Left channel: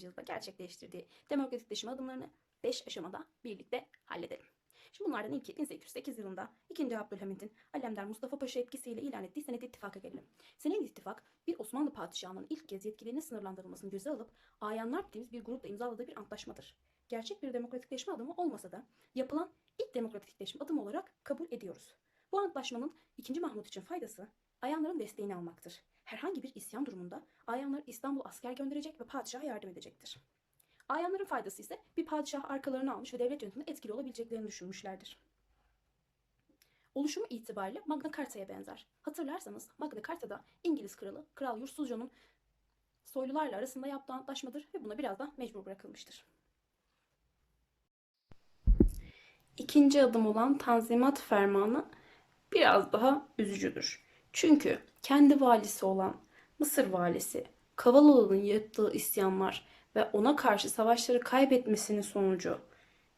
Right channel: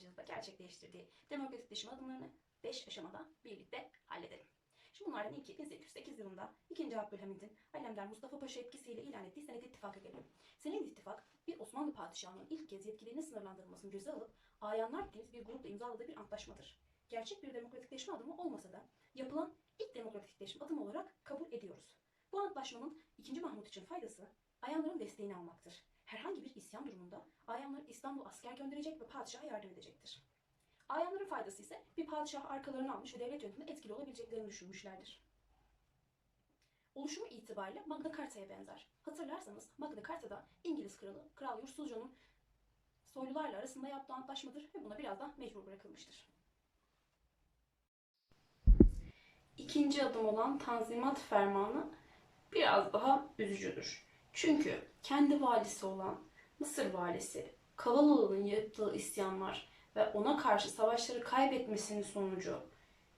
yılda gerçekleştirdiği demokratikleşme adımlarını 5 aşamada birlikte halledelim. Şimdi bunlardan ilki 1808 yılında 2. Abdülhamid'in Alemdar Mustafa Paşa etkisiyle ilan ettiği Senet İttifak'a gelelim. Senet İttifak bir Osmanlı padişahının ilk kez yetkilerinin sınırlandırılmasını göze alıp ayanlar dediğimiz bir grupla imzaladığı bir antlaşmadır. Gerçek bir demokratikleşme adımı olmasa da yapılan ilk demokratikleşme adımı olarak kabul ediyoruz. Bu antlaşmanın 2. Mahmut için faydası ayanların desteğini almaktır. Herhangi bir isyan durumunda ayanlar İstanbul asker gönderecek ve padişaha yardım edecektir. Ayanların faydası ise bir padişah arkalarını almış ve devlet yönetiminde etkili olabileceklerini düşünmüşlerdir. Oluşumu itibariyle Magna Carta'ya benzer. Hatırlarsanız Magna Carta'da İngiliz kralı Kral Yusufzcan'ın soylularla arasında yaptığı antlaşmadır ve buna biraz da mecbur bırakılmıştır. İkinci adım olan Tanzimat Fermanı biraz daha üzücüdür. Çünkü kendi valisi olan Mısır valisi Kavalalı'nın yaptığı isyanlar ve ona karşı savaşları kaybetmesinin sonucu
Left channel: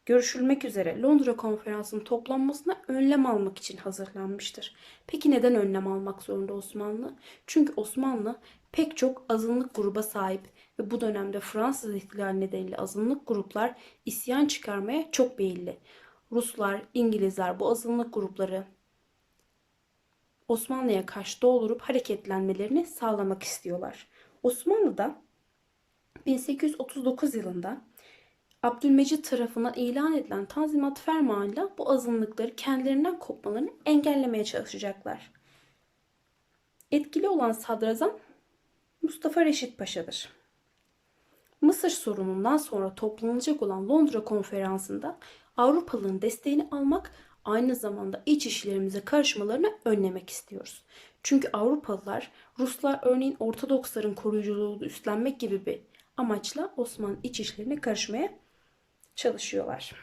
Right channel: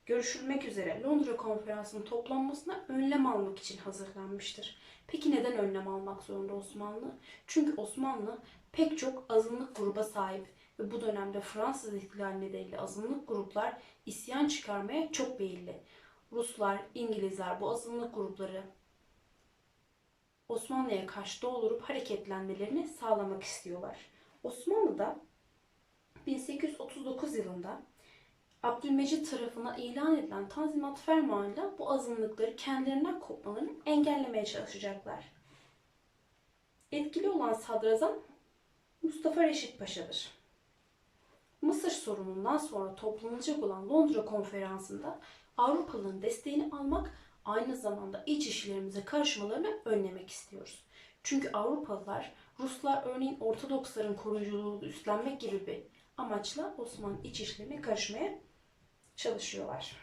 görüşülmek üzere Londra konferansının toplanmasına önlem almak için hazırlanmıştır. Peki neden önlem almak zorunda Osmanlı? Çünkü Osmanlı pek çok azınlık gruba sahip ve bu dönemde Fransız ihtilali nedeniyle azınlık gruplar isyan çıkarmaya çok meyilli. Ruslar, İngilizler bu azınlık grupları Osmanlı'ya karşı doldurup hareketlenmelerini sağlamak istiyorlar. Osmanlı da 1839 yılında Abdülmecit tarafından ilan edilen Tanzimat Fermanı'yla bu azınlıkları kendilerinden kopmalarını engellemeye çalışacaklar. Etkili olan sadrazam Mustafa Reşit Paşa'dır. Mısır sorunundan sonra toplanacak olan Londra konferansında Avrupalıların desteğini almak aynı zamanda iç işlerimize karışmalarını önlemek istiyoruz. Çünkü Avrupalılar Ruslar örneğin Ortodoksların koruyuculuğunu üstlenmek gibi bir amaçla Osmanlı iç işlerine karışmaya çalışıyorlar.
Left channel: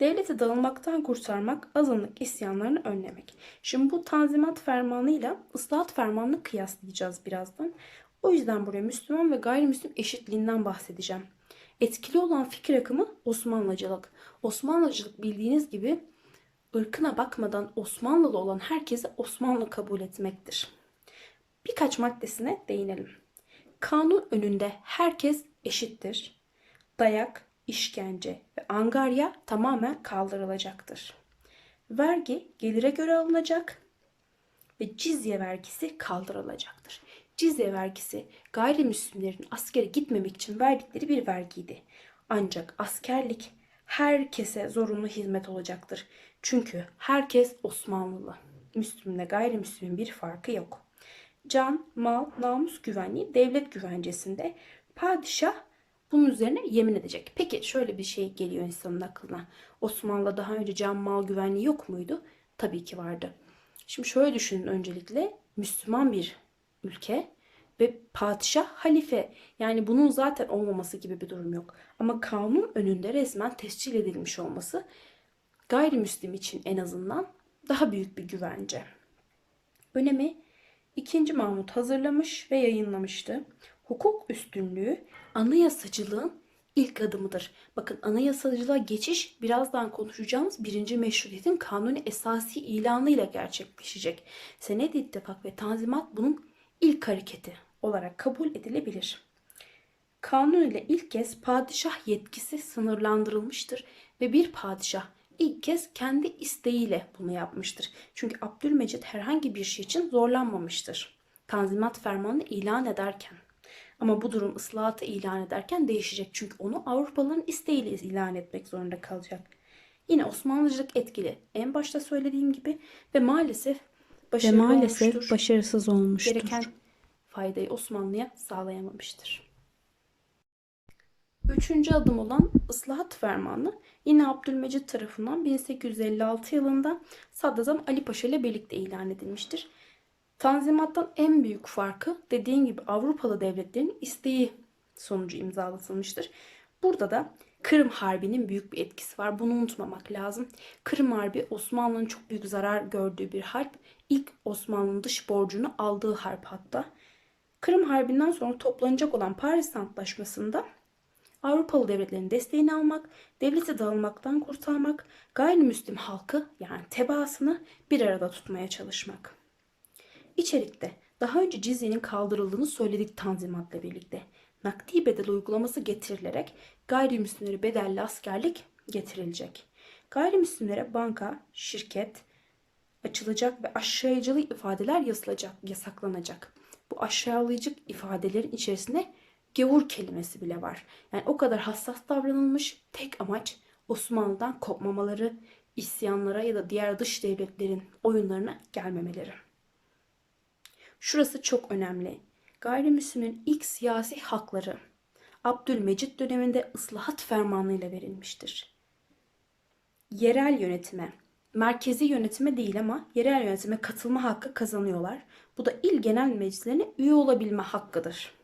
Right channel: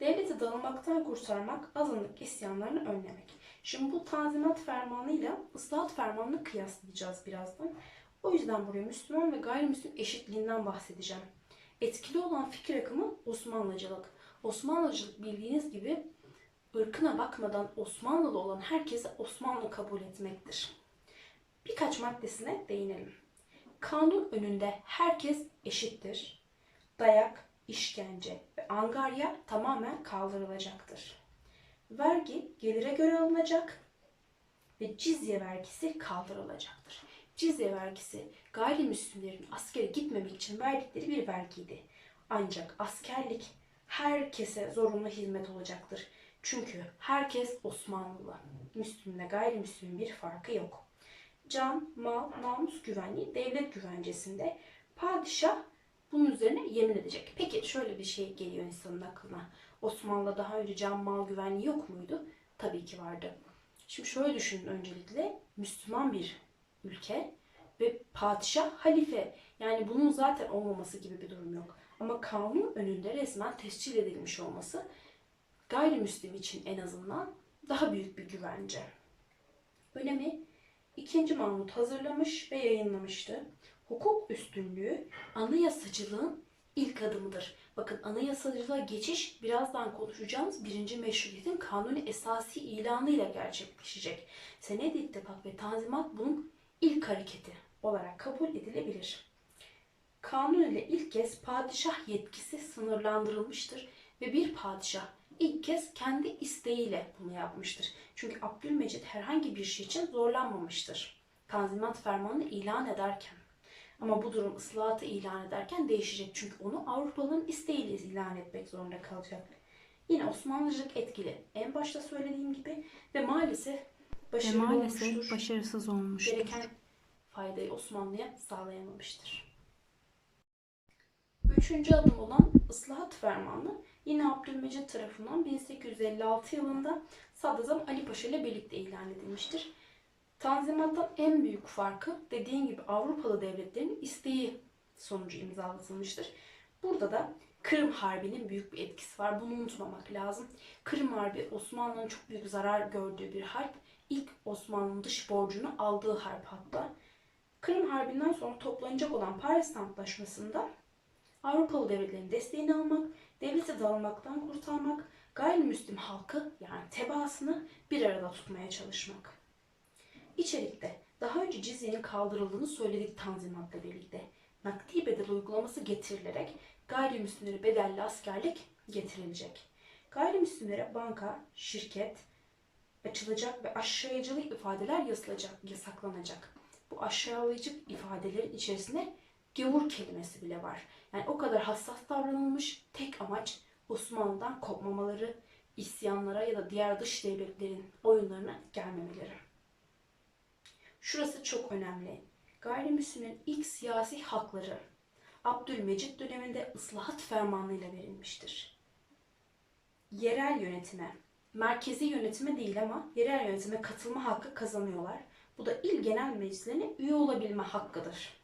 Devleti dağılmaktan kurtarmak, azınlık isyanlarını önlemek. Şimdi bu Tanzimat Fermanı'yla ıslahat Fermanı'nı kıyaslayacağız birazdan. O yüzden buraya Müslüman ve gayrimüslim eşitliğinden bahsedeceğim. Etkili olan fikir akımı Osmanlıcılık. Osmanlıcılık bildiğiniz gibi ırkına bakmadan Osmanlılı olan herkese Osmanlı kabul etmektir. Birkaç maddesine değinelim. Kanun önünde herkes eşittir. Dayak, işkence ve angarya tamamen kaldırılacaktır. Vergi gelire göre alınacak ve cizye vergisi kaldırılacaktır. Cizye vergisi gayrimüslimlerin askere gitmemek için verdikleri bir vergiydi. Ancak askerlik herkese zorunlu hizmet olacaktır. Çünkü herkes Osmanlılı. Müslümle gayrimüslimin bir farkı yok. Can, mal, namus güvenliği devlet güvencesinde padişah bunun üzerine yemin edecek. Peki şöyle bir şey geliyor insanın aklına. Osmanlı'da daha önce can, mal güvenliği yok muydu? Tabii ki vardı. Şimdi şöyle düşünün öncelikle Müslüman bir ülke ve padişah halife. Yani bunun zaten olmaması gibi bir durum yok. Ama kanun önünde resmen tescil edilmiş olması gayrimüslim için en azından daha büyük bir güvence. Önemi 2. Mahmut hazırlamış ve yayınlamıştı. Hukuk üstünlüğü anayasacılığın ilk adımıdır. Bakın anayasacılığa geçiş birazdan konuşacağımız birinci meşrutiyetin kanuni esası ilanı ile gerçekleşecek. Senet İttifak ve Tanzimat bunun ilk hareketi olarak kabul edilebilir. Kanun ile ilk kez padişah yetkisi sınırlandırılmıştır ve bir padişah ilk kez kendi isteğiyle bunu yapmıştır. Çünkü Abdülmecit herhangi bir şey için zorlanmamıştır. Tanzimat fermanını ilan ederken. Ama bu durum ıslahatı ilan ederken değişecek. Çünkü onu Avrupalıların isteğiyle ilan etmek zorunda kalacak. Yine Osmanlıcılık etkili. En başta söylediğim gibi ve maalesef Ve başarılı maalesef olmuştur. başarısız olmuştur. Gereken faydayı Osmanlı'ya sağlayamamıştır. Üçüncü adım olan ıslahat fermanı yine Abdülmecit tarafından 1856 yılında Sadrazam Ali Paşa ile birlikte ilan edilmiştir. Tanzimattan en büyük farkı dediğim gibi Avrupalı devletlerin isteği sonucu imzalatılmıştır. Burada da Kırım Harbi'nin büyük bir etkisi var. Bunu unutmamak lazım. Kırım Harbi Osmanlı'nın çok büyük zarar gördüğü bir harp. İlk Osmanlı'nın dış borcunu aldığı harp hatta. Kırım Harbi'nden sonra toplanacak olan Paris Antlaşması'nda Avrupalı devletlerin desteğini almak, devleti dağılmaktan kurtarmak, gayrimüslim halkı yani tebaasını bir arada tutmaya çalışmak. İçerikte daha önce cizyenin kaldırıldığını söyledik Tanzimat'la birlikte. nakdi bedel uygulaması getirilerek gayrimüslimlere bedelli askerlik getirilecek. Gayrimüslimlere banka, şirket açılacak ve aşağılayıcı ifadeler yazılacak, yasaklanacak. Bu aşağılayıcı ifadelerin içerisinde gavur kelimesi bile var. Yani o kadar hassas davranılmış tek amaç Osmanlı'dan kopmamaları, isyanlara ya da diğer dış devletlerin oyunlarına gelmemeleri. Şurası çok önemli. Gayrimüslimlerin ilk siyasi hakları Abdülmecit döneminde ıslahat fermanıyla verilmiştir. Yerel yönetime, merkezi yönetime değil ama yerel yönetime katılma hakkı kazanıyorlar. Bu da il genel meclislerine üye olabilme hakkıdır.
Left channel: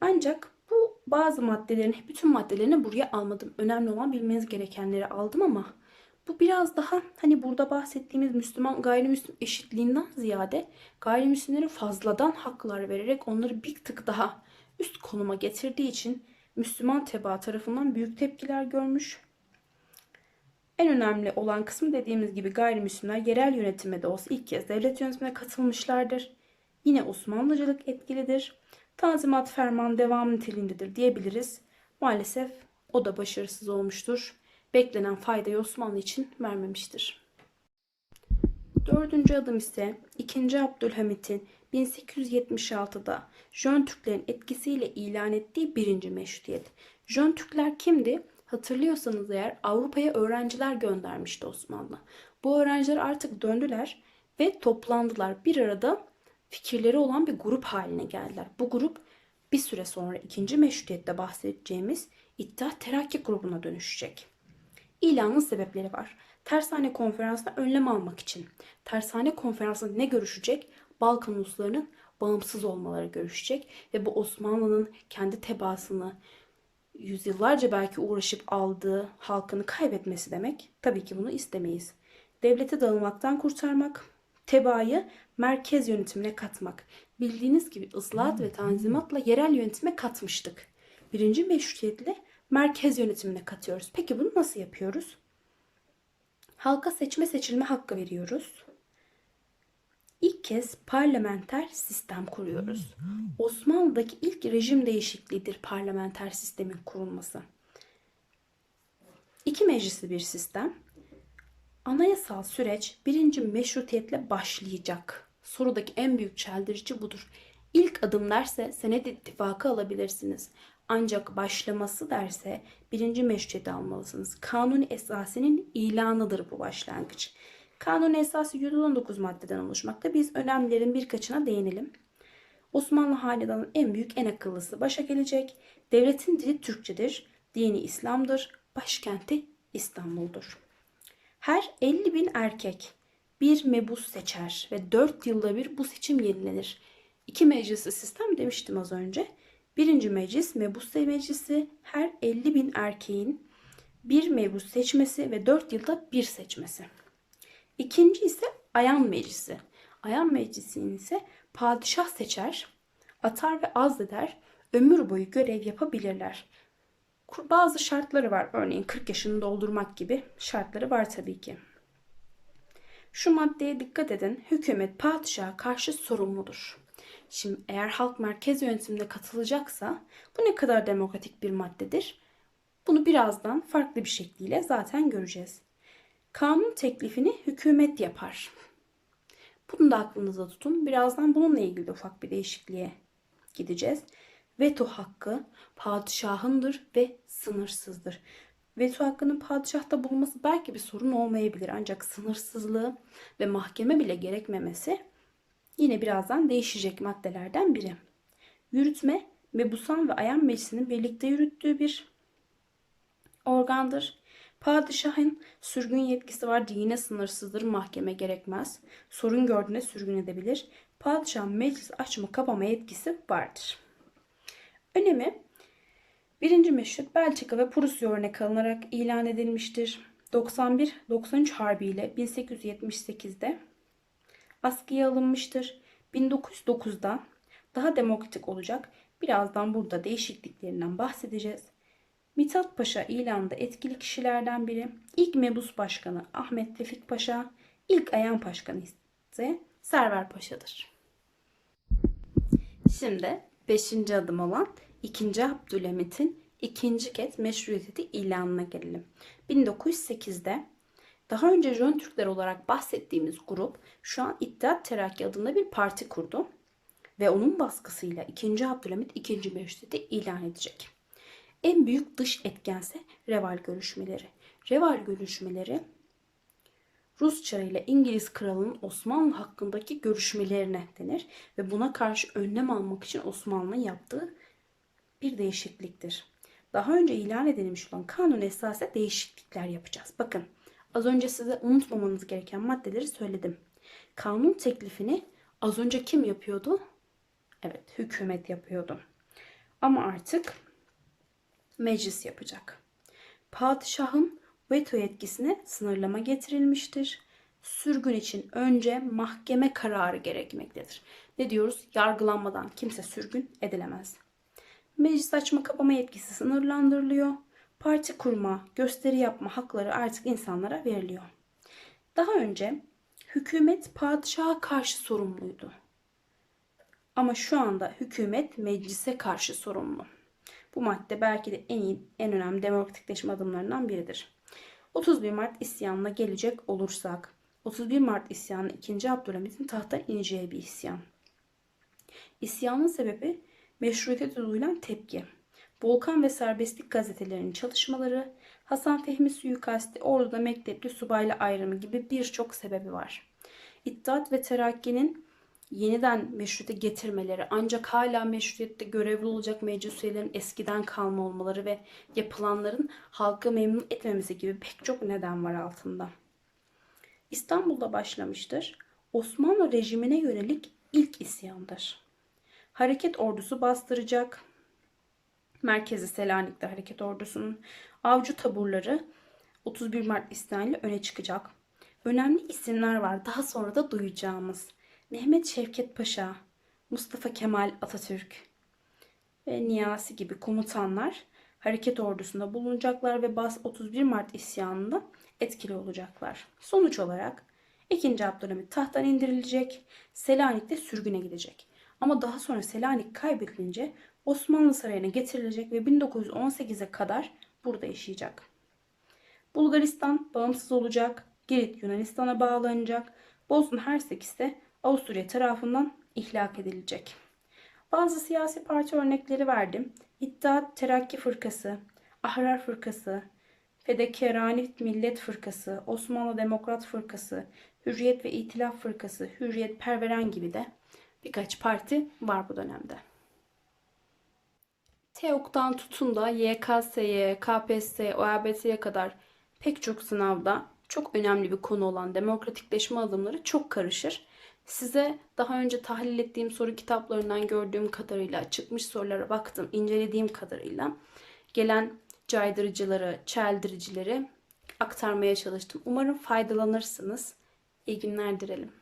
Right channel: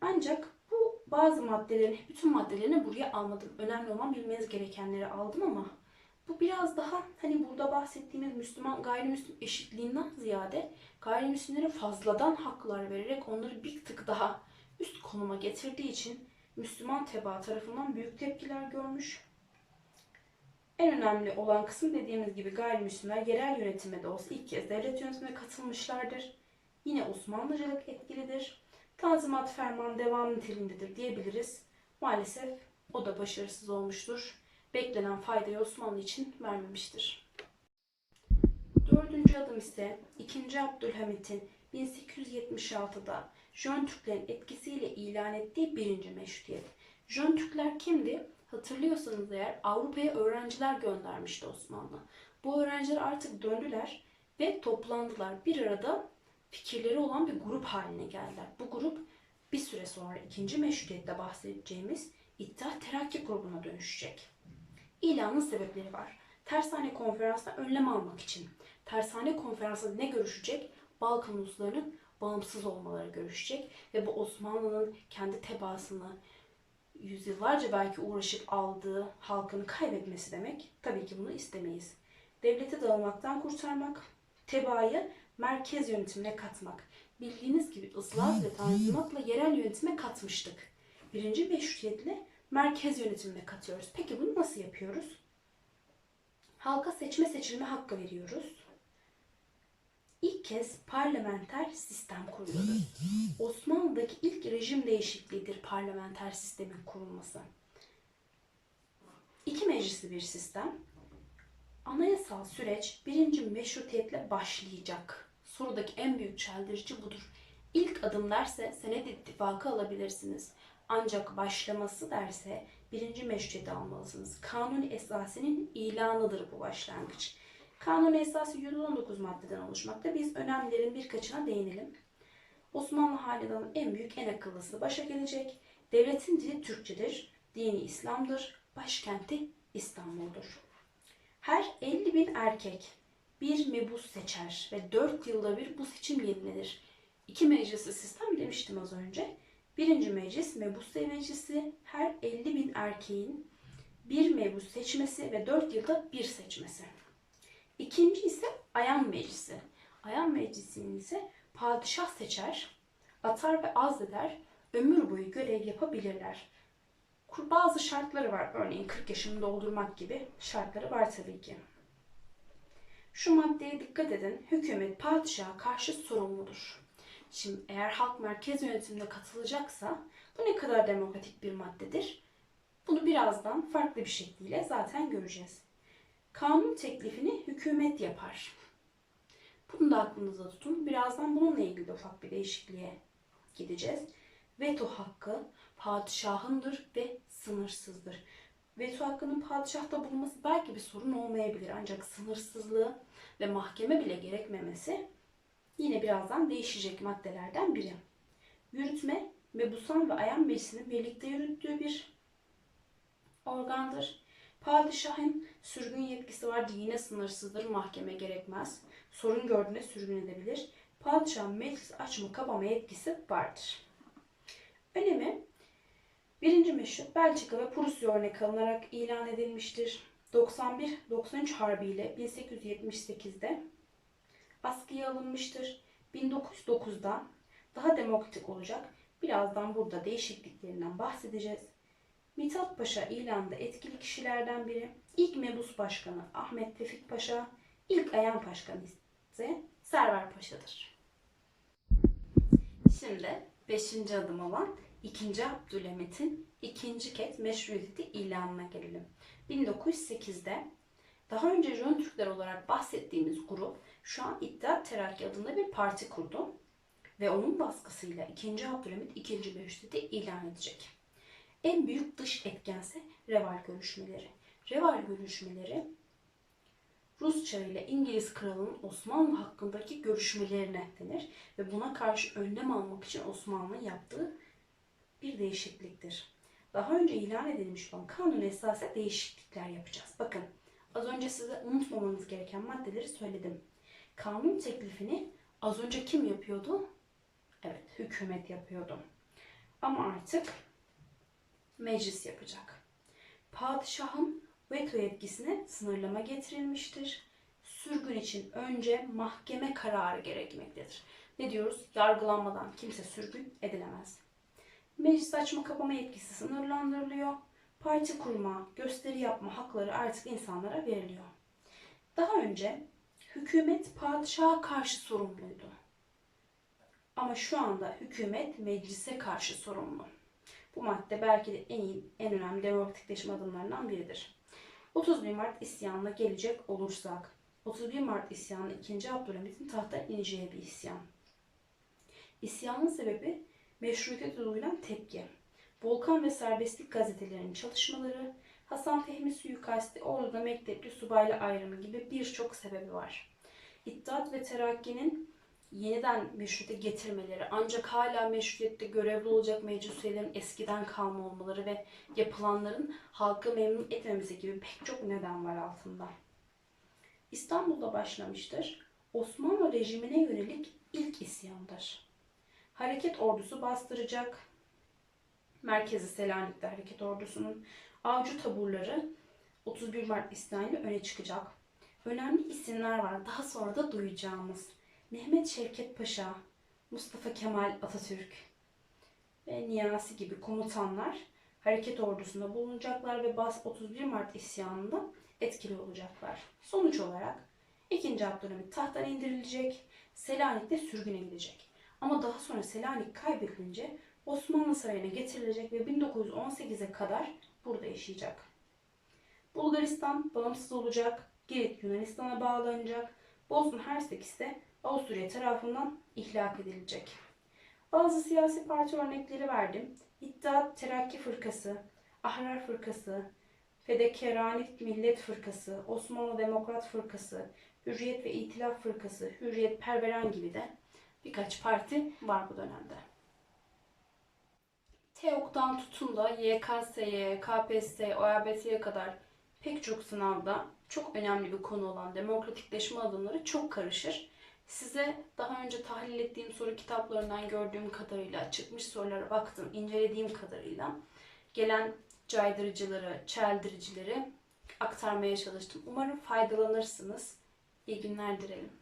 Ancak bu bazı maddelerin, bütün maddelerini buraya almadım. Önemli olan bilmeniz gerekenleri aldım ama bu biraz daha hani burada bahsettiğimiz Müslüman gayrimüslim eşitliğinden ziyade gayrimüslimlere fazladan haklar vererek onları bir tık daha üst konuma getirdiği için Müslüman tebaa tarafından büyük tepkiler görmüş. En önemli olan kısım dediğimiz gibi gayrimüslimler yerel yönetime de olsa ilk kez devlet yönetimine katılmışlardır. Yine Osmanlıcılık etkilidir. Tanzimat ferman devam niteliğindedir diyebiliriz. Maalesef o da başarısız olmuştur. Beklenen faydayı Osmanlı için vermemiştir. Dördüncü adım ise 2. Abdülhamit'in 1876'da Jön Türklerin etkisiyle ilan ettiği birinci meşrutiyet. Jön Türkler kimdi? Hatırlıyorsanız eğer Avrupa'ya öğrenciler göndermişti Osmanlı. Bu öğrenciler artık döndüler ve toplandılar. Bir arada fikirleri olan bir grup haline geldiler. Bu grup bir süre sonra ikinci meşrutiyette bahsedeceğimiz İttihat Terakki grubuna dönüşecek. İlanın sebepleri var. Tersane konferansına önlem almak için. Tersane konferansında ne görüşecek? Balkan uluslarının bağımsız olmaları görüşecek ve bu Osmanlı'nın kendi tebaasını yüzyıllarca belki uğraşıp aldığı halkını kaybetmesi demek. Tabii ki bunu istemeyiz. Devlete dağılmaktan kurtarmak, tebaayı merkez yönetimine katmak. Bildiğiniz gibi ıslahat ve tanzimatla yerel yönetime katmıştık. Birinci meşrutiyetle merkez yönetimine katıyoruz. Peki bunu nasıl yapıyoruz? Halka seçme seçilme hakkı veriyoruz. İlk kez parlamenter sistem kuruyoruz. Osmanlı'daki ilk rejim değişikliğidir parlamenter sistemin kurulması. İki meclisli bir sistem. Anayasal süreç birinci meşrutiyetle başlayacak. Sorudaki en büyük çeldirici budur. İlk adım derse senet ittifakı alabilirsiniz. Ancak başlaması derse birinci meşrutiyeti almalısınız. Kanuni esasinin ilanıdır bu başlangıç. Kanuni esası 119 maddeden oluşmakta. Biz önemlerin birkaçına değinelim. Osmanlı hanedanının en büyük, en akıllısı başa gelecek. Devletin dili Türkçedir. Dini İslam'dır. Başkenti İstanbul'dur. Her 50 bin erkek bir mebus seçer ve 4 yılda bir bu seçim yenilenir. İki meclisli sistem demiştim az önce. Birinci meclis mebus meclisi her 50 bin erkeğin bir mebus seçmesi ve 4 yılda bir seçmesi. İkinci ise ayan meclisi. Ayan meclisini ise padişah seçer, atar ve azleder, ömür boyu görev yapabilirler. Bazı şartları var. Örneğin 40 yaşını doldurmak gibi şartları var tabii ki. Şu maddeye dikkat edin. Hükümet padişaha karşı sorumludur. Şimdi eğer halk merkez yönetimine katılacaksa bu ne kadar demokratik bir maddedir? Bunu birazdan farklı bir şekliyle zaten göreceğiz. Kanun teklifini hükümet yapar. Bunu da aklınızda tutun. Birazdan bununla ilgili ufak bir değişikliğe gideceğiz. Veto hakkı padişahındır ve sınırsızdır. Veto hakkının padişahta bulunması belki bir sorun olmayabilir ancak sınırsızlığı ve mahkeme bile gerekmemesi yine birazdan değişecek maddelerden biri. Yürütme mebusan ve ayan meclisinin birlikte yürüttüğü bir organdır. Padişahın sürgün yetkisi var. Yine sınırsızdır. Mahkeme gerekmez. Sorun gördüğünde sürgün edebilir. Padişahın meclis açma kapama yetkisi vardır. Önemi Birinci meşrut Belçika ve Prusya örnek alınarak ilan edilmiştir. 91-93 Harbi ile 1878'de askıya alınmıştır. 1909'da daha demokratik olacak. Birazdan burada değişikliklerinden bahsedeceğiz. Mithat Paşa ilanda etkili kişilerden biri. İlk mebus başkanı Ahmet Tevfik Paşa, ilk ayan başkanı ise Server Paşa'dır. Şimdi Beşinci adım olan 2. Abdülhamit'in ikinci kez meşruiyeti ilanına gelelim. 1908'de daha önce Jön Türkler olarak bahsettiğimiz grup şu an İttihat Terakki adında bir parti kurdu. Ve onun baskısıyla 2. Abdülhamit ikinci meşruiyeti ilan edecek. En büyük dış etkense Reval görüşmeleri. Reval görüşmeleri Rus Çarı ile İngiliz kralının Osmanlı hakkındaki görüşmelerine denir ve buna karşı önlem almak için Osmanlı'nın yaptığı bir değişikliktir. Daha önce ilan edilmiş olan kanun esasında değişiklikler yapacağız. Bakın az önce size unutmamanız gereken maddeleri söyledim. Kanun teklifini az önce kim yapıyordu? Evet, hükümet yapıyordu. Ama artık meclis yapacak. Padişahın veto yetkisine sınırlama getirilmiştir. Sürgün için önce mahkeme kararı gerekmektedir. Ne diyoruz? Yargılanmadan kimse sürgün edilemez. Meclis açma kapama yetkisi sınırlandırılıyor. Parti kurma, gösteri yapma hakları artık insanlara veriliyor. Daha önce hükümet padişaha karşı sorumluydu. Ama şu anda hükümet meclise karşı sorumlu. Bu madde belki de en iyi, en önemli demokratikleşme adımlarından biridir. 31 Mart isyanına gelecek olursak, 31 Mart isyanı 2. Abdülhamit'in tahta ineceği bir isyan. İsyanın sebebi meşruiyete duyulan tepki. Volkan ve Serbestlik gazetelerinin çalışmaları, Hasan Fehmi suikasti, orduda mektepli subayla ayrımı gibi birçok sebebi var. İttihat ve Terakki'nin yeniden meşruiyete getirmeleri ancak hala meşruiyette görevli olacak meclis üyelerinin eskiden kalma olmaları ve yapılanların halkı memnun etmemesi gibi pek çok neden var altında. İstanbul'da başlamıştır. Osmanlı rejimine yönelik ilk isyandır. Hareket ordusu bastıracak. Merkezi Selanik'te hareket ordusunun avcı taburları 31 Mart isyanıyla öne çıkacak. Önemli isimler var daha sonra da duyacağımız. Mehmet Şevket Paşa, Mustafa Kemal Atatürk ve Niyasi gibi komutanlar hareket ordusunda bulunacaklar ve Bas 31 Mart isyanında etkili olacaklar. Sonuç olarak 2. Abdülhamit tahttan indirilecek, Selanik'te sürgüne gidecek. Ama daha sonra Selanik kaybedilince Osmanlı Sarayı'na getirilecek ve 1918'e kadar burada yaşayacak. Bulgaristan bağımsız olacak, Girit Yunanistan'a bağlanacak, Bosna Hersek ise Avusturya tarafından ihlak edilecek. Bazı siyasi parti örnekleri verdim. İttihat Terakki Fırkası, Ahrar Fırkası, Fedekerani Millet Fırkası, Osmanlı Demokrat Fırkası, Hürriyet ve İtilaf Fırkası, Hürriyet Perveren gibi de birkaç parti var bu dönemde. TEOK'tan tutun da YKS'ye, KPSS, OABT'ye kadar pek çok sınavda çok önemli bir konu olan demokratikleşme adımları çok karışır. Size daha önce tahlil ettiğim soru kitaplarından gördüğüm kadarıyla, çıkmış sorulara baktım, incelediğim kadarıyla gelen caydırıcıları, çeldiricileri aktarmaya çalıştım. Umarım faydalanırsınız. İyi günler dilerim.